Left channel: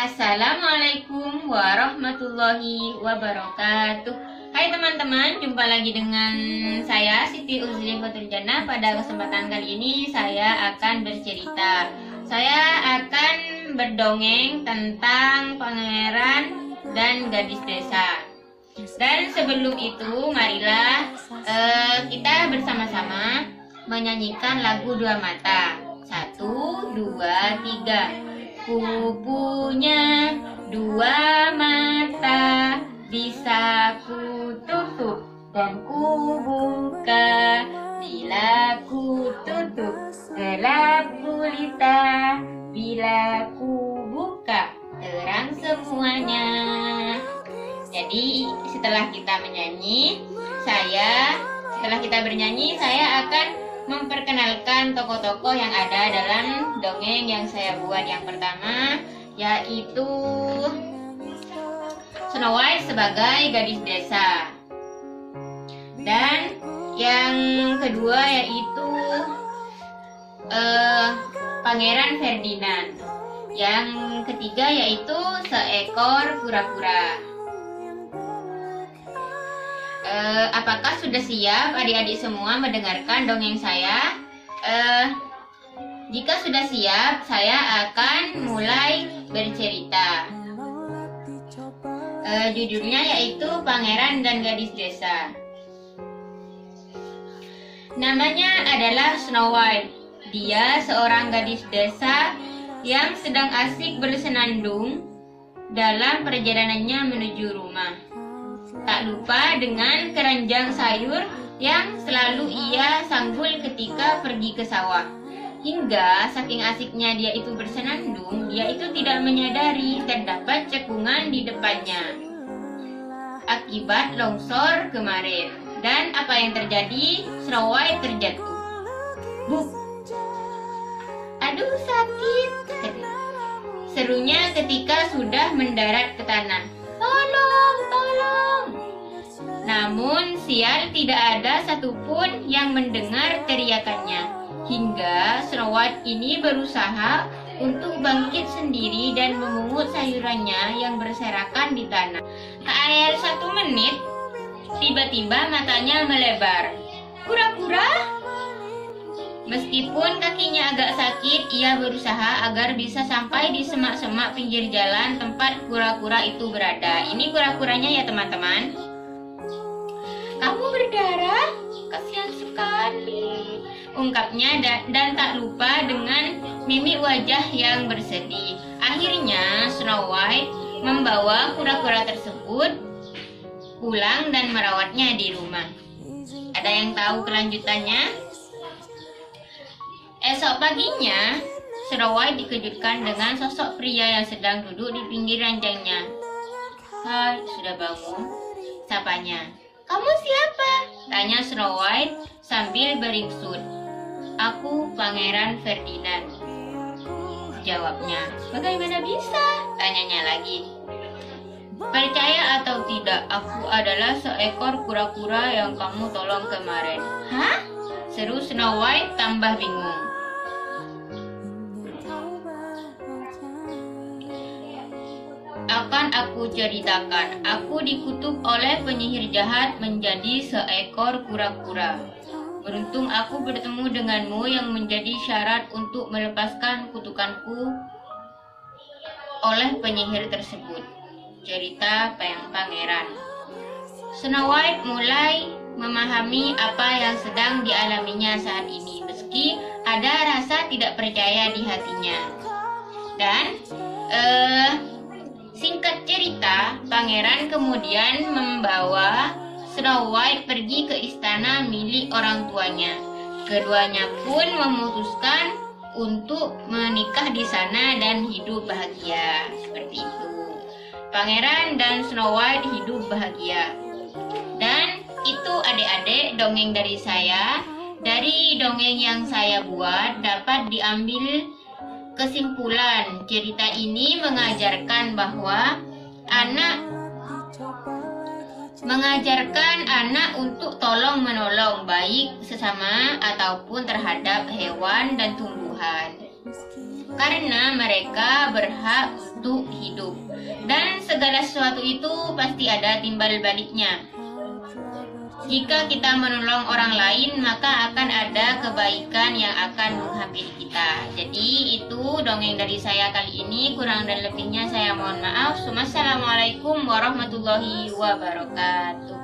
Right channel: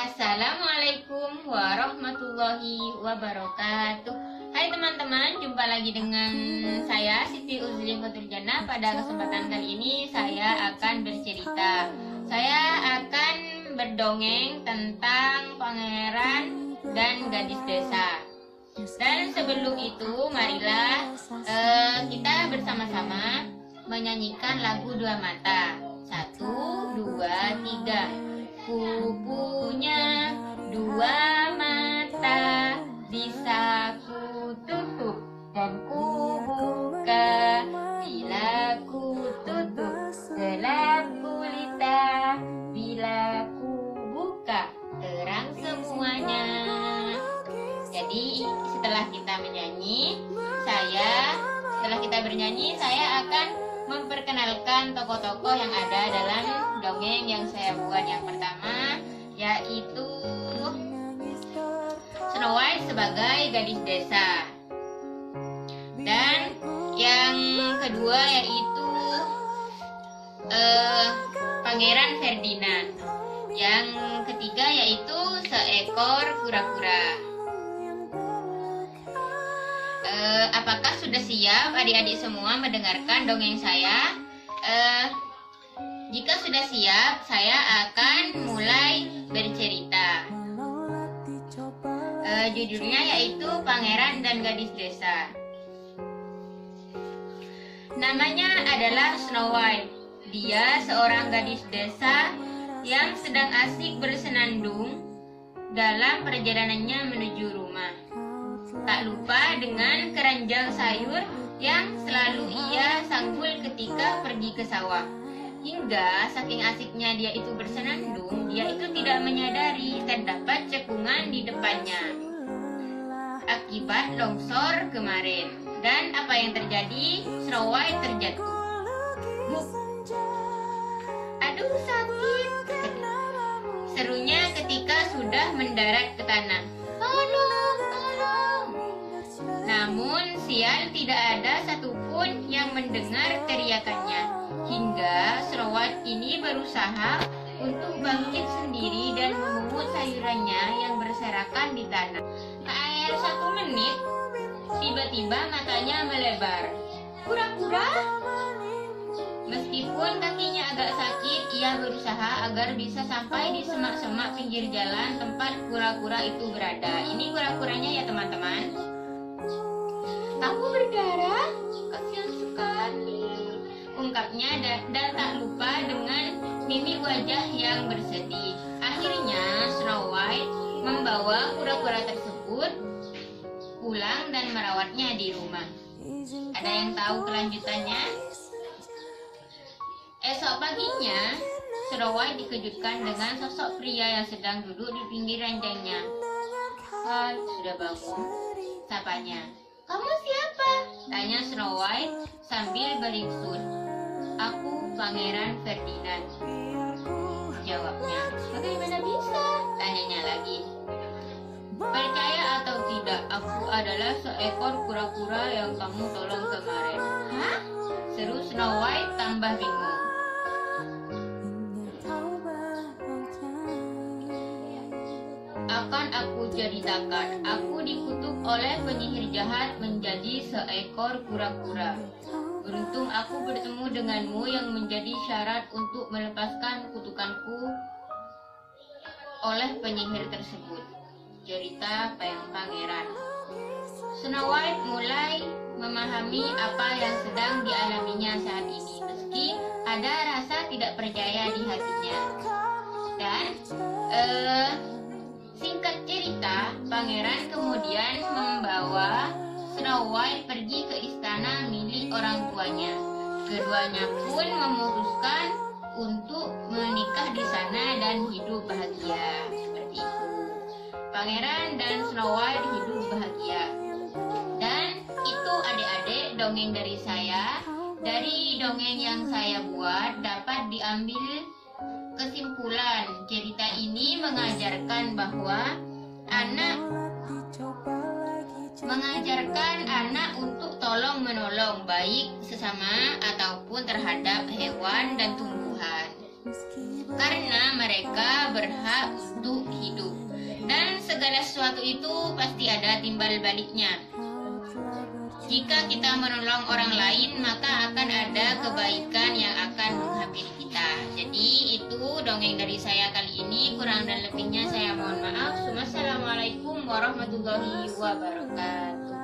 Assalamualaikum warahmatullahi wabarakatuh. Hai teman-teman, jumpa lagi dengan saya Siti Uzri Faturjana. Pada kesempatan kali ini saya akan bercerita. Saya akan berdongeng tentang pangeran dan gadis desa. Dan sebelum itu, marilah kita bersama-sama menyanyikan lagu Dua Mata. 1, 2, 3. Ku punya dua mata, bisa ku tutup dan ku buka. Bila ku tutup gelap gulita, bila ku buka terang semuanya. Jadi setelah kita bernyanyi, saya akan memperkenalkan tokoh-tokoh yang ada dalam dongeng yang saya buat. Yang pertama yaitu Snow White sebagai gadis desa, dan yang kedua yaitu Pangeran Ferdinand. Yang ketiga yaitu seekor kura-kura. Apakah sudah siap adik-adik semua mendengarkan dongeng saya? Jika sudah siap, saya akan mulai bercerita. Judulnya yaitu Pangeran dan Gadis Desa. Namanya adalah Snow White. Dia seorang gadis desa yang sedang asik bersenandung dalam perjalanannya menuju rumah. Tak lupa dengan keranjang sayur yang selalu ia sanggul ketika pergi ke sawah. Hingga saking asiknya dia itu bersenandung, dia itu tidak menyadari terdapat cekungan di depannya akibat longsor kemarin. Dan apa yang terjadi? Snow White terjatuh. Buk! Aduh, sakit! Serunya ketika sudah mendarat ke tanah. Tolong, tolong! Namun sial, tidak ada satupun yang mendengar teriakannya. Hingga Snow White ini berusaha untuk bangkit sendiri dan memungut sayurannya yang berserakan di tanah. Tak ayal 1 menit, tiba-tiba matanya melebar. Kura-kura? Meskipun kakinya agak sakit, ia berusaha agar bisa sampai di semak-semak pinggir jalan tempat kura-kura itu berada. Ini kura-kuranya ya teman-teman. Kamu berdarah? Kasihan sekali, ungkapnya, dan tak lupa dengan mimik wajah yang bersedih. Akhirnya Snow White membawa kura-kura tersebut pulang dan merawatnya di rumah. Ada yang tahu kelanjutannya? Esok paginya, Snow White dikejutkan dengan sosok pria yang sedang duduk di pinggir ranjangnya. Hai, sudah bangun? Sapanya. Kamu siapa? Tanya Snow White sambil beringsut. Aku Pangeran Ferdinand, jawabnya. Bagaimana bisa? Tanyanya lagi. Percaya atau tidak, aku adalah seekor kura-kura yang kamu tolong kemarin. Hah? Seru Snow White tambah bingung. Akan aku ceritakan. Aku dikutuk oleh penyihir jahat menjadi seekor kura-kura. Beruntung aku bertemu denganmu yang menjadi syarat untuk melepaskan kutukanku oleh penyihir tersebut. Cerita Pangeran. Snow White mulai memahami apa yang sedang dialaminya saat ini, meski ada rasa tidak percaya di hatinya. Dan singkat cerita, Pangeran kemudian membawa Snow White pergi ke istana milik orang tuanya. Keduanya pun memutuskan untuk menikah di sana dan hidup bahagia. Seperti itu. Pangeran dan Snow White hidup bahagia. Dan itu adik-adik dongeng dari saya. Dari dongeng yang saya buat dapat diambil kesimpulan, cerita ini mengajarkan bahwa anak untuk tolong-menolong, baik sesama ataupun terhadap hewan dan tumbuhan. karena mereka berhak untuk hidup. Dan segala sesuatu itu pasti ada timbal baliknya. Jika kita menolong orang lain, maka akan ada kebaikan yang akan menghampiri kita. Jadi itu dongeng dari saya kali ini. Kurang dan lebihnya saya mohon maaf. Wassalamualaikum warahmatullahi wabarakatuh.